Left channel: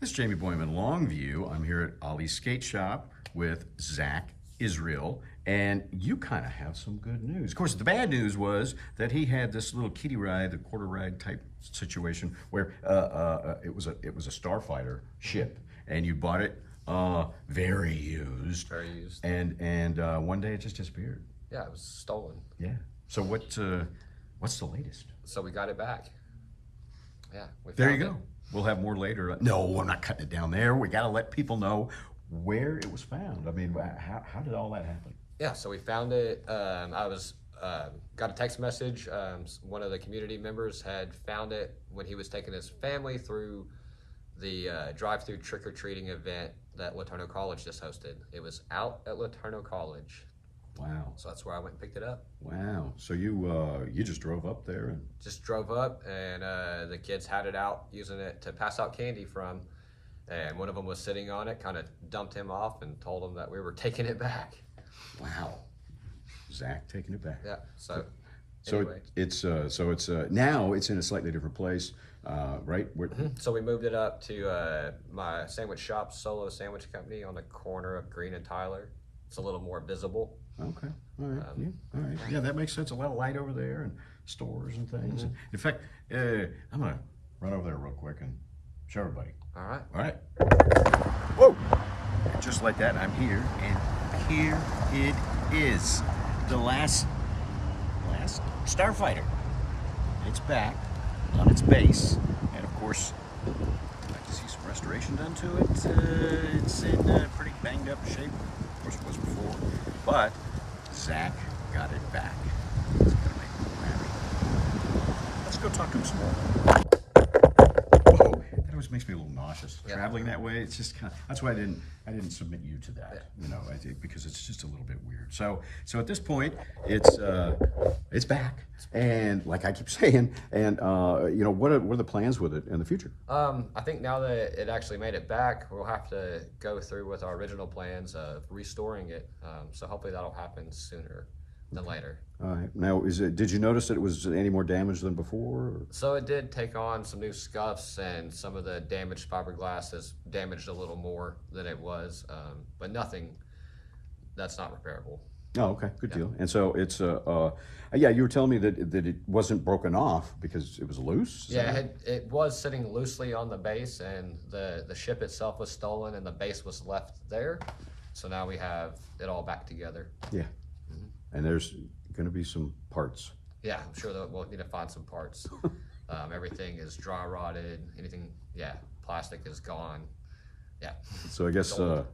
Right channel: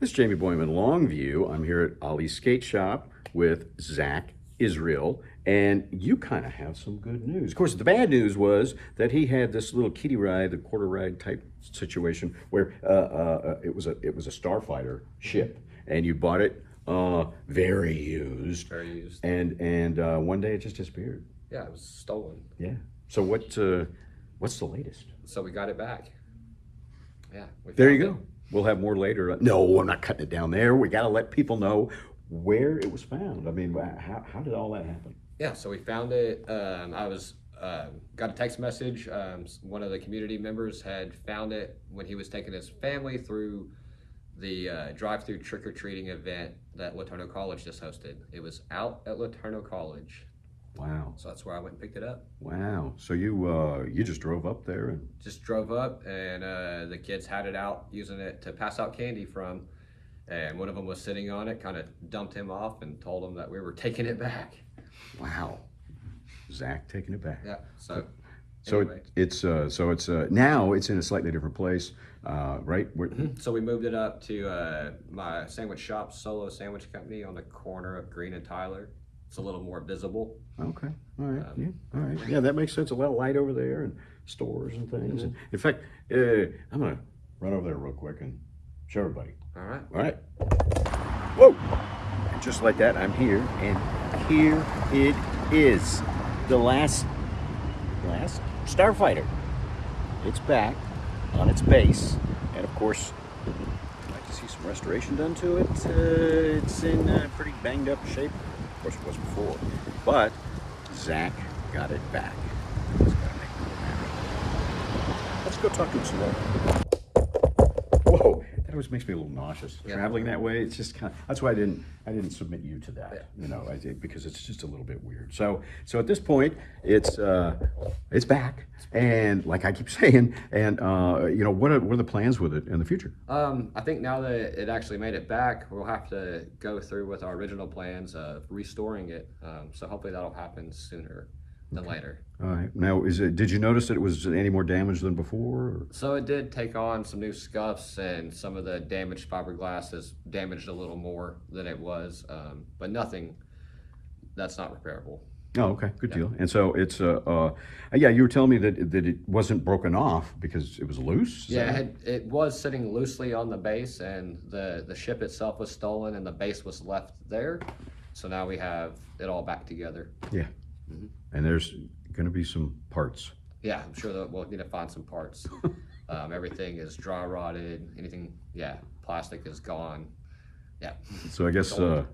This is Jamie Boyman, Longview. I'm here at Ollie's Skateshop with Zahckry Israel, and you kind of have some good news. Of course, the bad news was that he had this little kiddie ride, the quarter ride type situation, where it was a Starfighter ship, and you bought it very used. Very used. And one day it just disappeared. Yeah, it was stolen. Yeah. So what's the latest? So we got it back. Yeah. There you go. We'll have more later. No, I'm not cutting it down there. We got to let people know where it was found. I mean, how did all that happen? Yeah, so we found it. Got a text message. One of the community members had found it when he was taking his family through the drive-through trick-or-treating event that Laterno College just hosted. It was out at Laterno College. Wow. So that's where I went and picked it up. Wow. So you just drove up there? And... Just drove up, and the kids had it out, using it to pass out candy from. And one of them was sitting on it, kind of dumped him off and told him that we were taking it back. Wow. Zach taking it back. Yeah. So anyway. Now it's in a slightly different place, right? So we moved it up to my sandwich shop, Solo Sandwich Company, on the corner of Green and Tyler. It's a little more visible. Okay. All right. All right. Yeah, that makes sense. A lot of light over there and stores and things. And in fact, I'm going to run over there real quick and show everybody. All right. All right. Whoa. And just like that, I'm here. And here it is. The last Starfighter. It's back on its base. And of course, I'd like to see some restoration done to it. It's in pretty banged up shape. Of course it was before, but Zach got it back. It's gotta make him a little happy. Let's go talk to him some more. Whoa, that always makes me a little nauseous. Yeah. Traveling that way, it's just kind of, that's why I didn't submit you to that. Yeah. You know, because it's just a little bit weird. So at this point, it's back. And like I keep saying, and you know, what are the plans with it in the future? I think now that it actually made it back, we'll have to go through with our original plans of restoring it. So hopefully that'll happen sooner than later. All right. Now, did you notice that it was any more damaged than before? So it did take on some new scuffs, and some of the damaged fiberglass is damaged a little more than it was, but nothing that's not repairable. Oh, okay, good deal. And so it's yeah, you were telling me that it wasn't broken off because it was loose. Yeah, it was sitting loosely on the base, and the ship itself was stolen, and the base was left there. So now we have it all back together. Yeah, and there's going to be some parts. Yeah, I'm sure that we'll need to find some parts. Everything is dry rotted. Anything, yeah, plastic is gone. Yeah. So I guess you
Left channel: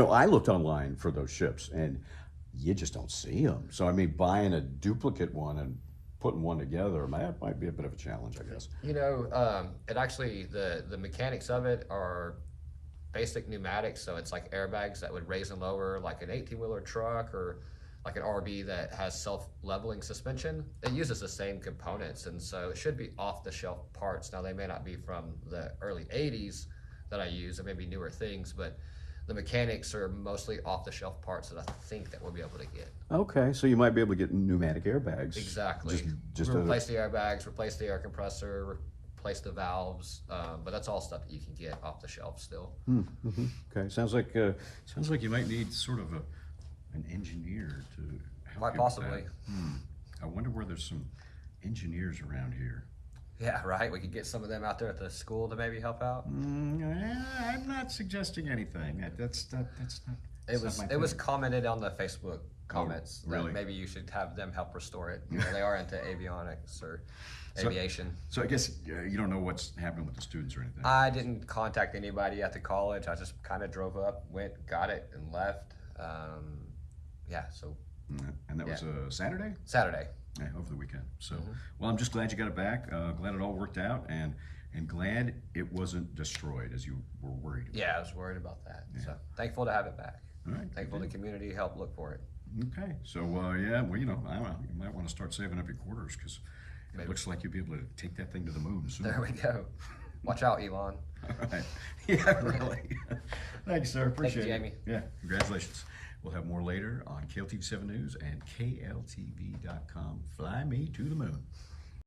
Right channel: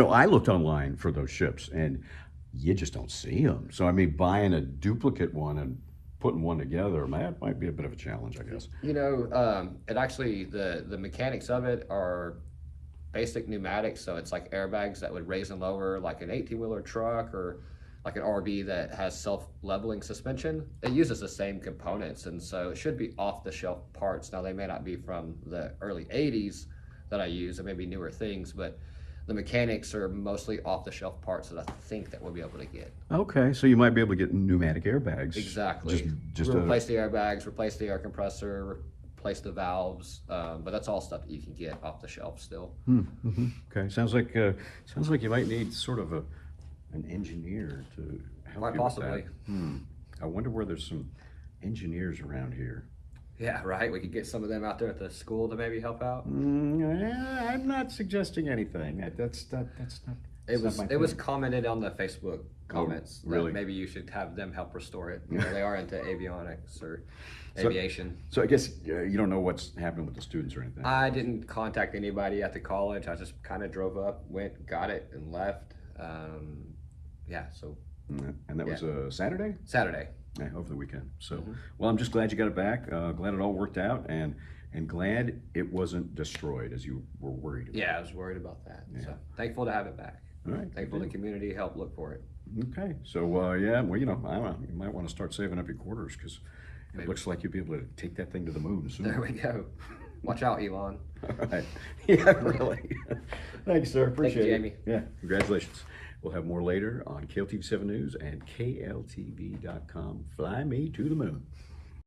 know, I looked online for those ships, and you just don't see them. So I mean, buying a duplicate one and putting one together might be a bit of a challenge, I guess. You know, it actually, the mechanics of it are basic pneumatics, so it's like airbags that would raise and lower like an 18-wheeler truck or like an RV that has self-leveling suspension. It uses the same components, and so it should be off-the-shelf parts. Now, they may not be from the early 80s that I use, or maybe newer things, but the mechanics are mostly off-the-shelf parts that I think that we'll be able to get. Okay, so you might be able to get pneumatic airbags. Exactly. Just replace the airbags, replace the air compressor, replace the valves, but that's all stuff that you can get off the shelf still. Okay, sounds like you might need sort of an engineer to help Quite you possibly. with that. I wonder where there's some engineers around here. Yeah, right. We could get some of them out there at the school to maybe help out. I'm not suggesting anything. That's not. It was commented on the Facebook comments really? That maybe you should have them help restore it. You know, they are into avionics or aviation. So I guess you don't know what's happening with the students or anything. I didn't contact anybody at the college. I just kind of drove up, went, got it, and left. Yeah. So. And that was a Saturday. Saturday. Yeah, over the weekend. So, well, I'm just glad you got it back. Glad it all worked out, and glad it wasn't destroyed as you were worried about. Yeah, I was worried about that. Yeah. So thankful to have it back. All right. Thankful the community helped look for it. Okay. So, yeah, well, you know, I don't know. You might want to start saving up your quarters because it looks like you'll be able to take that thing to the moon soon. There we go. Watch out, Elon. All right. Yeah, really. Thanks, sir. Appreciate it. Jamie. Yeah, congratulations. We'll have more later on KLTV 7 News and KLTV.com. Fly me to the moon.